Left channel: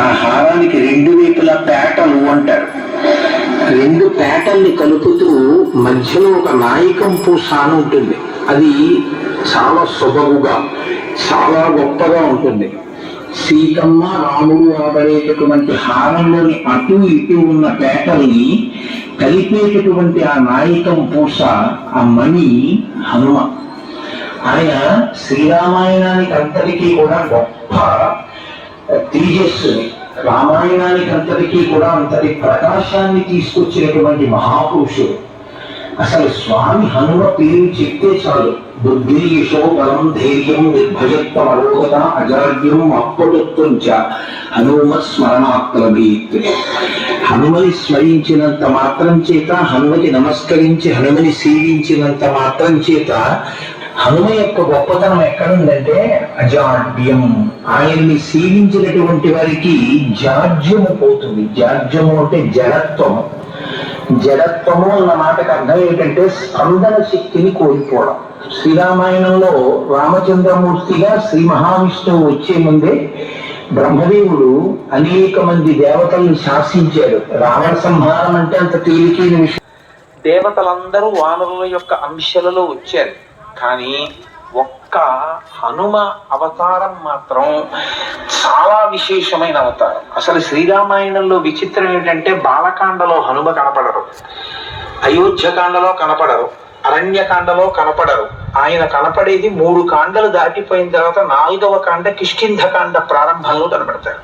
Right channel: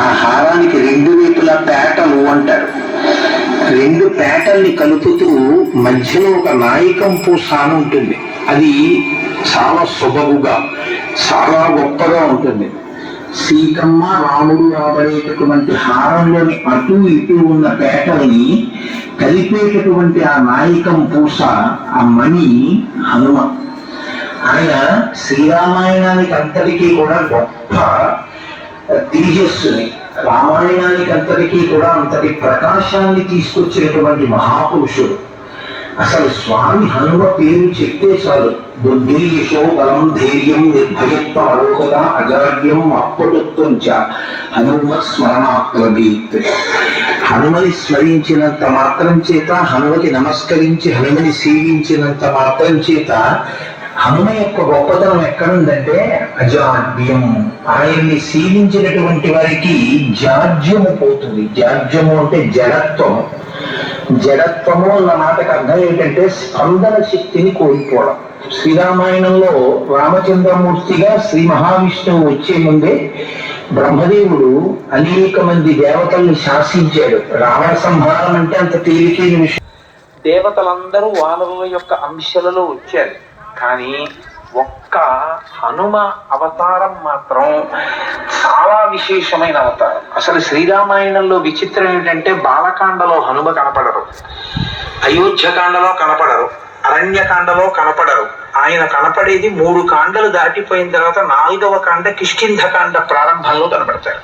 ఆ హారానికి రెండు వైపుల పేటలు అంటారు. రెండు పేటల్ని కలుపుతూ మధ్యలో ఒక నాయకం పూస అని ఉంటుంది. అది చాలా శుభముగా చాలా గొప్పగా ఉంటుంది. సీతమ్మ రాముడు ఆపరేటటువంటి హారంలోని అటు ఇటు ఉన్న పేటల్ని కలిపేటటువంటి ఆ నాయకం పూస ఆ మణి హనుమ. ఆయన శ్రీరామాయణానికి అంతటికీ కూడా గొప్ప తేజస్సుని రామాయణానికి అంతటికీ కూడా అంతటి ప్రకాశాన్ని తీసుకొచ్చినటువంటి మహాపురుషుడు. అసలు స్వామి హనుమ పేరు చెప్తే చాలు. బుద్ధి బలం ధైర్యం నిర్భయత్వం అలోకత అజాడ్యం అప్పటత్వం చ హనుమ స్మరణాత్మీత్ హనుమని స్మరించినంత మాత్రం చేత హనుమకి నమస్కరించి హనుమని సేవించినంత మాత్రం చేత హనుమ యొక్క గొప్పతనం ఎక్కడుందంటే అజాడ్యం. ఆయన్ని సేవించినటువంటి వారికి జాడ్యము పోతుంది. జాడ్యము అంటే జడత్వం జడత్వము అన్న మాటకు అర్థం ఏంటంటే స్పందన శక్తిని కోల్పోవడం. శ్రీరామాయణంలో రామచంద్రమూర్తిగా శ్రీ మహావిష్ణువు వచ్చే ముందే బ్రహ్మదేవుడు అనేక మంది దేవతల్ని శాసించాడు. రావణ సంహారం అంటే అంత తేలికైన విషయం. దేవతలందరూ వానరుల యొక్క అంశాలలో వచ్చారు. కానీ ఒక్క హనుమ అవతారం మాత్రం చాలా విశేషమైన అవతారం. అసలు శ్రీరామాయణంలో విచిత్రం ఏంటంటే బాలకాండలో హనుమ కనపడరు అయోధ్యకాండలో కనపడరు అరణ్యకాండలో కనపడరు. ఆయన కనపడేది మూడు కాండలు దాటిపోయిన తర్వాత నాలుగవ కాండ కిష్కింధకాండ ప్రారంభంలో కనపడతాయి.